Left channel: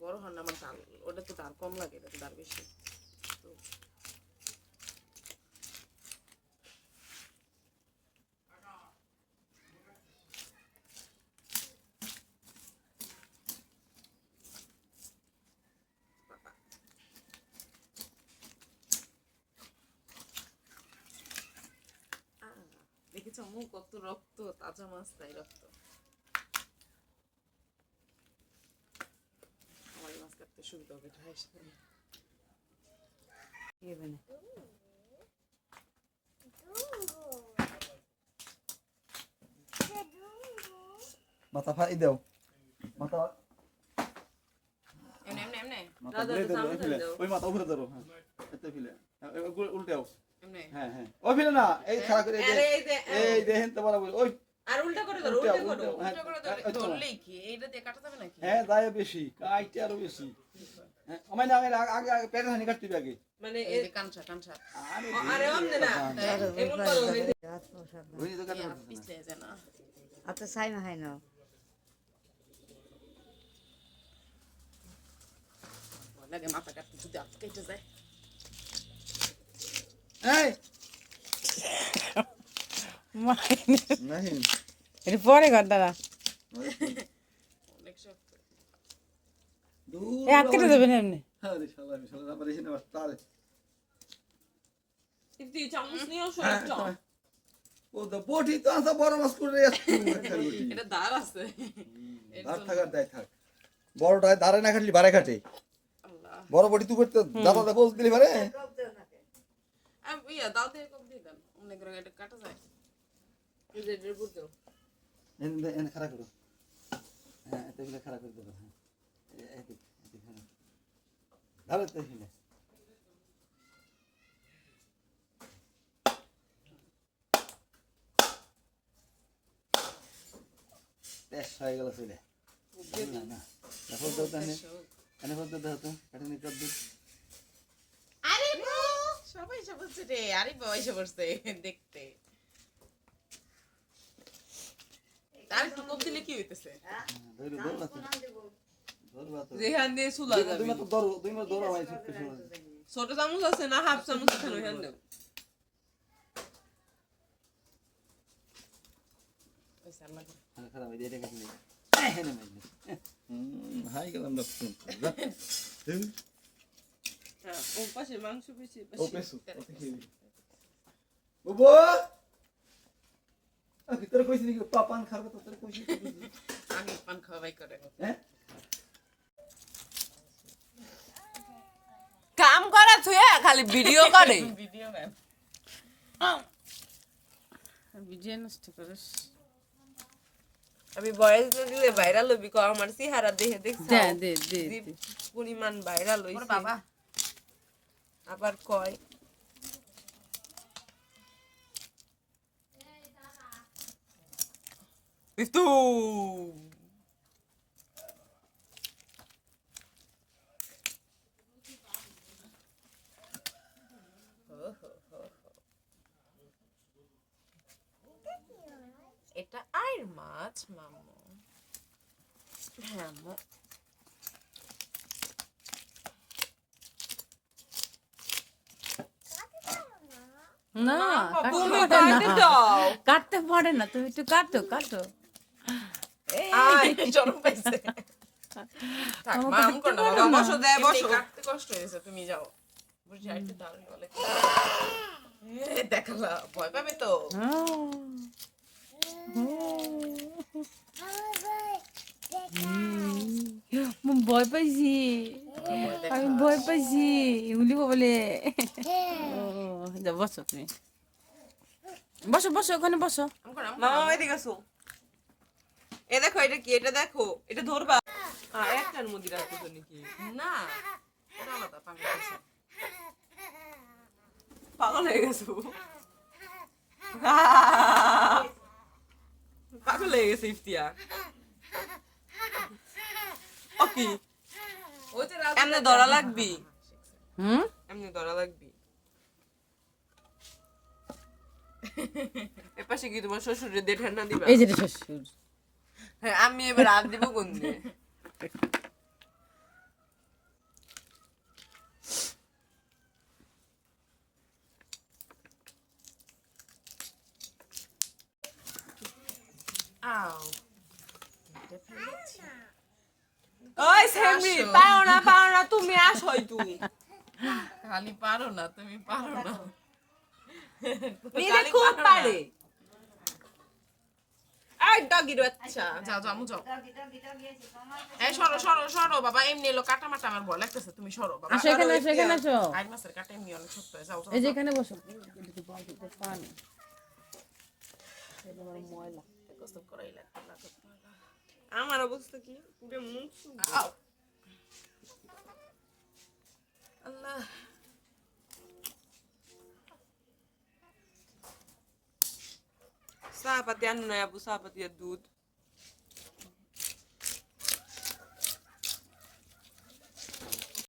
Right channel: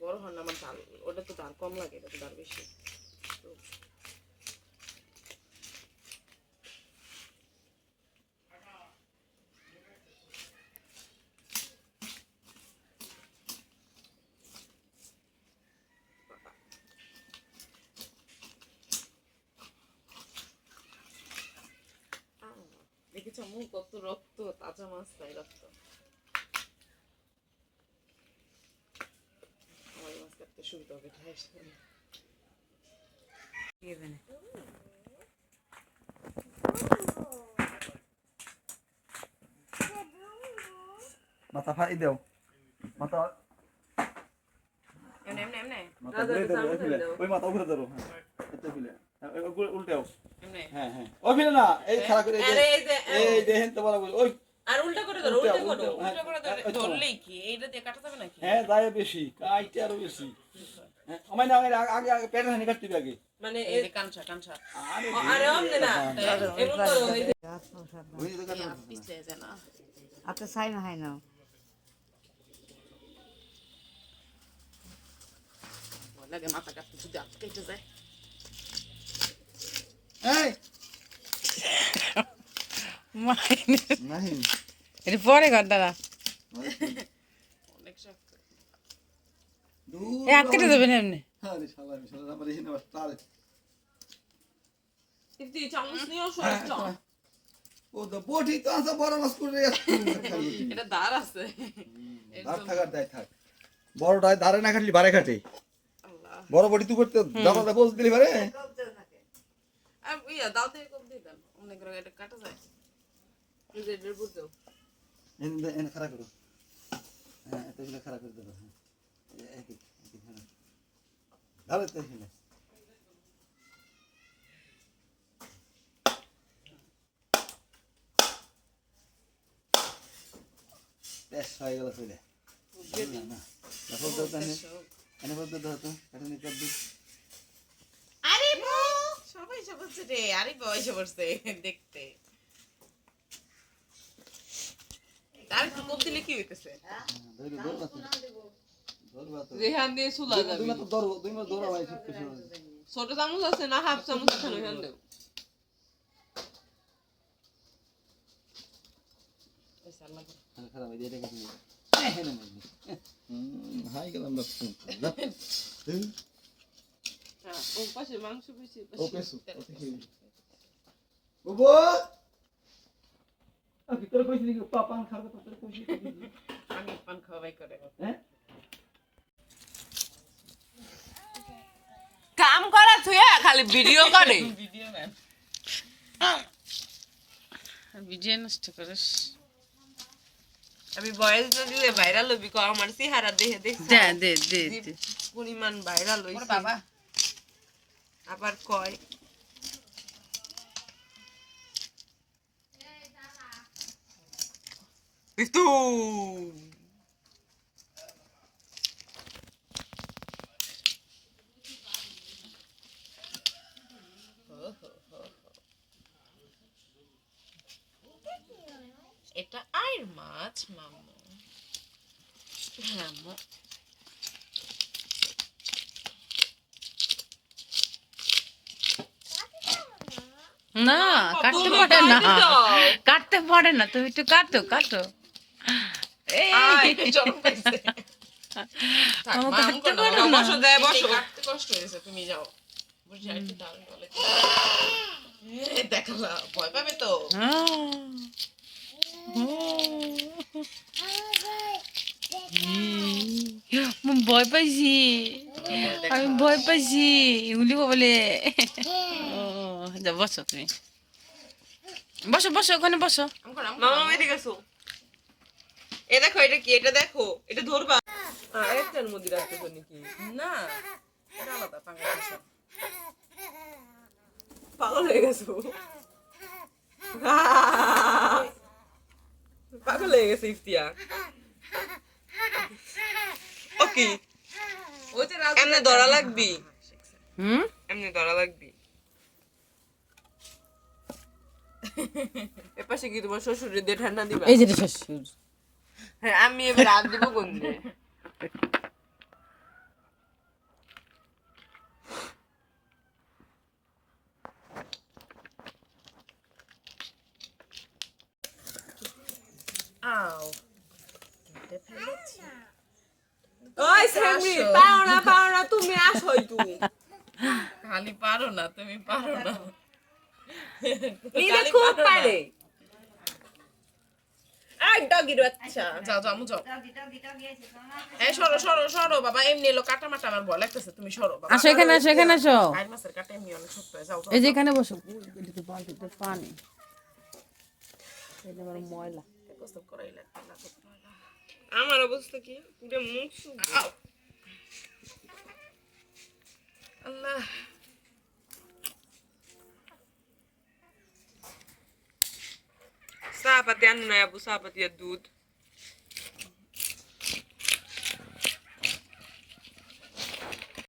বড় হন আমার ডাল ওটা তো ডাল কম লাগে এটা তো ডাল বেশি তো দেখেছ মুখ কত রক্ত তাজা মাছ তাই রক্ত আমার এই মাছ কাটতে সুবিধা হবে মাথা ফাই দাও মাথা এমনে এমনে এমনে মাথা ঘুরে দাও ফেলে ওই মাথা উপরে ধরো হ্যাঁ এতে ফেলে উল্টাও এমনে হ্যাঁ হ্যাঁ ও ফেলে না এই খাড়া করে এই দেখেন তো বরাবর ওই আর উল্টা করে ধরো উল্টা করে ধরলেই কি এইটা দিয়ে কাটা যাবে নাকি হ্যাঁ যায় বেশি কাইতে আরো বেশি হ্যাঁ আমায় না আগে আগে পেটের হানি কাটতে হবে আগে মানে এই যে কাঁচা কাঁচা আরে আমনে না এমন করো ওই তো কাটা পিছে যায় না হাতে ছাই না হয় না লাগে মাথা কাটতে যদি আটকে কেটে যায় এই নাই এটা পরে কর দাদা অনেক শক্ত এ হাত কেটে দেবেন এমনি আরে শালা আমার এখানে আবার তার কিন্তু চামচ নিও সরছ ও তো বটি তো আসা বড় মাছ করে এটা দাঁড় আছে দাঁড় থাকার দায় থাক বড়টায় দাঁড়ে না কাটলি বারে কাটে আল্লাহ বড় বটি তুই করতে দাদা কোচ দিলি বারে আর ইয়া দাও থেকে কম দিয়ে দেন অনেক করে এটা কাটা যায় এই যে এর বুঝছো এনে খারাপ করো হ্যাঁ এতগুলো খারাপ করে দেবো হ্যাঁ এদিক হ্যাঁ ধরো তো এখানে বেশ হয়ে গেল চলে না দেখো তো তাহলে এনে বলতে দাও তো এটা নিয়ে কর দিই আরে সবাই সবছে রে আরে বাবা সবছে দেখতে আর একটু কম দিলে কি হইতেছে ধরো ধরো ধরবা তো রেহান দিয়ে সুলা যাবে দুই মাত্র ধরো দুই মাত্র ধরো ভাই সব কিছু ছোট চামচ আছে না হাফ চামচ আছে রেহান দেব ওই সালমা খারাপ হয়ে এটা কাছে হ্যাঁ না হাই গেলাম না হ্যাঁ ও পাশে মাংস বেশি ও পেছু বাবা ভিতরে কইছি নাকি পান খাবে তো তোরে কইছি আগে পান খাওয়াই করে হ্যাঁ কাম করা থুয়া খালি ভিডিও করে ভিডিও ম্যান ভিডিও নষ্ট করিস আমি ভয়েস না দিলে ভাইরাল হবি কো আমার চেহারা দেখে দেখছ দে পরিমাণ ভাইরাল হইছে বাবা আবার কয় বিস্তু এটা আর মাছ মামু হ্যাঁ না কাটতে পারে না কাটতে পারে না তুমি একটু কাটো কাটো এই চরম পাইছে থাক মা কাটতে পারে না বসো দেয় বসো কাটতে কষ্ট হয়েছে তুমি যাও বুঝি একটু ডাল বলে দেখালা ভয় পাবে তো ভয় পাইছি আমি ভয় পাইছি উলি বলে বসো তুমি বসো বসো ওখানে বসো মামা এদিকে গেছো এ দেখো এটা কি এটা দেখো এটা ধরবা হ্যাঁ একটার মধ্যে রাখতে পারি কি না এটা আলাদা পাঙ্গা আছে পাগল হয়ে গেছো পাগল হয়ে গেছে ইফতিয়ার ওকে ওই যে এমনি ধরা লাগবি এমনি ধরা লাগবি এপাশে কি তোমার শ্বশুরের দিয়ে ঠান্ডা দিবা? এই যে রে শ্বশুর হ্যাঁ, আমি এবার হাত দিব কোন দিয়ে? আও, ওই সেমি, পাও না, তুমি আসোই তুই। খালি পারো না, তুমি পারো না। খালি খুব পারে। এই ডগির বাচ্চা, যাও যাও, আমু যাও। এই সরো সরো সরো বাবা, এমনি এলো কাটা মাটা আমার ভয় লাগতেছে, তুমি সরো বাবা। আসো এখানে আসো এখানে আসো আর মাছের কাটা এমনি অনেক শক্ত হয়, যাও যাও। এই যে এখানে বসো এদিকে বালতিতে পানি এই যে আমার ময়লা গোসল করাই লাগবে না, আমার অবস্থা কি পুরো মুখ শুকিয়ে। আল্লাহ, চা পাতি আনো না আবু, চা পাতি আর দুধ।